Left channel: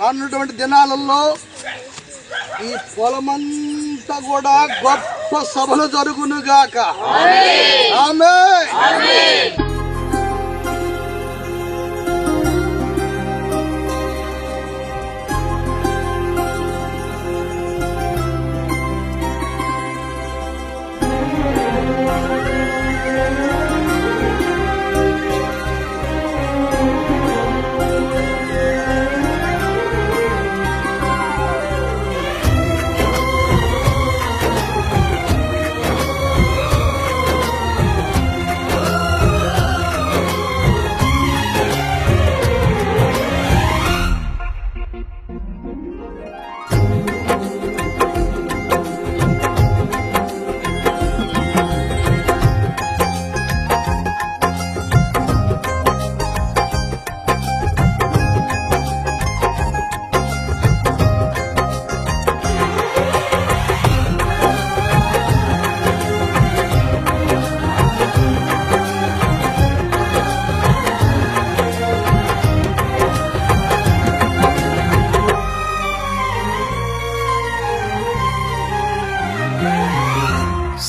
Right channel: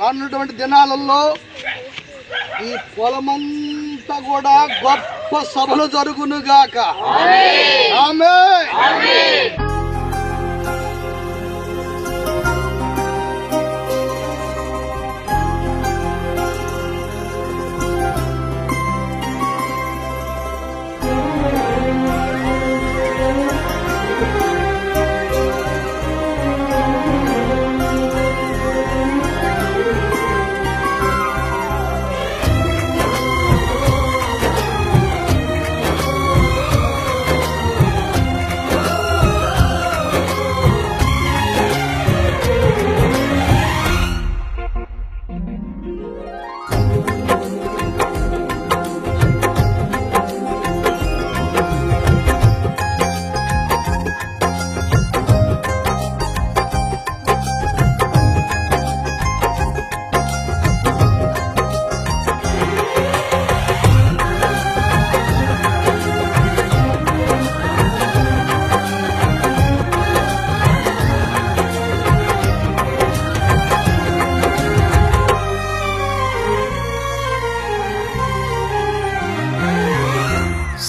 రానున్నటువంటి దినాలలో ఈ పొలమంతా కూడా గొప్ప సభలు జరుగునుగాక. ఆమేన్.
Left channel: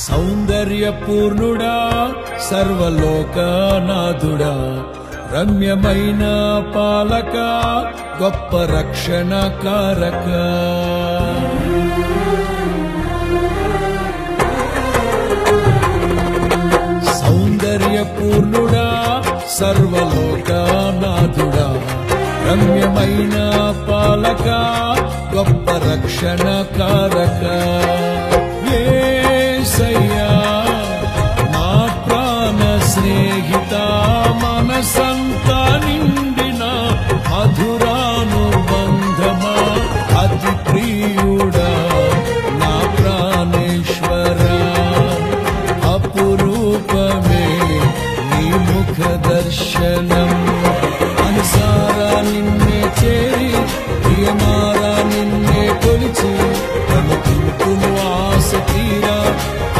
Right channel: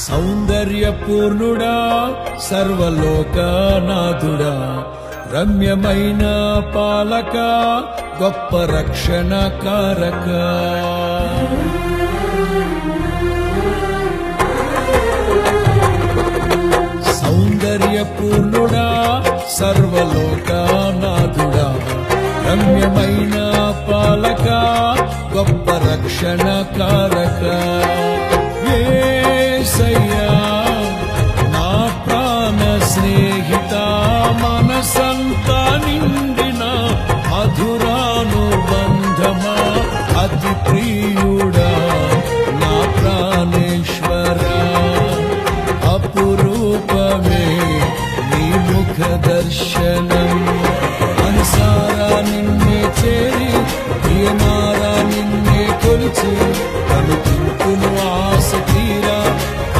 సౌందర్యపూర్ణుడా, సర్వలోకనాథుడా, రమ్యమైన పాలక, గొప్ప రక్షణ కారక. సౌందర్యపూర్ణుడా, సర్వలోకనాథుడా, రమ్యమైన పాలక, గొప్ప రక్షణ కారక. యేసయ్యా నా ప్రాణ స్నేహిత, మనసంతా నిండిన మధురానుబంధమా, అతి ప్రియుడా నా ప్రాణేశ్వరా, అపురూపమే నీ ముఖ దర్శనం. మనసారా నిన్నే చేరి, ప్రియమారా నిన్నే కొలిచి, కనుతింపును ఆశ తీరా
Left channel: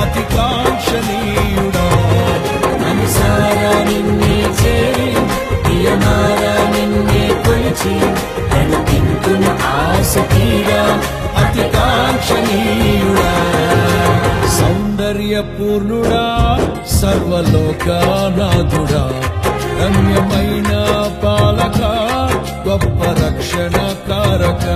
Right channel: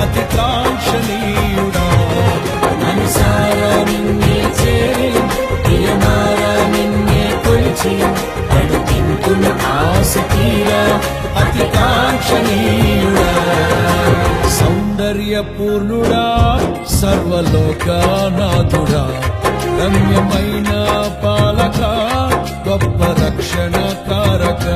అతి కాంక్షణీయుడా. మనసారా నిన్నే చేరి, ప్రియమారా నిన్నే కొలిచి, కనుతింపును ఆశ తీరా అతి కాంక్షణీయుడా. సౌందర్యపూర్ణుడా, సర్వలోకనాథుడా, రమ్యమైన పాలక, గొప్ప రక్షణ కారక.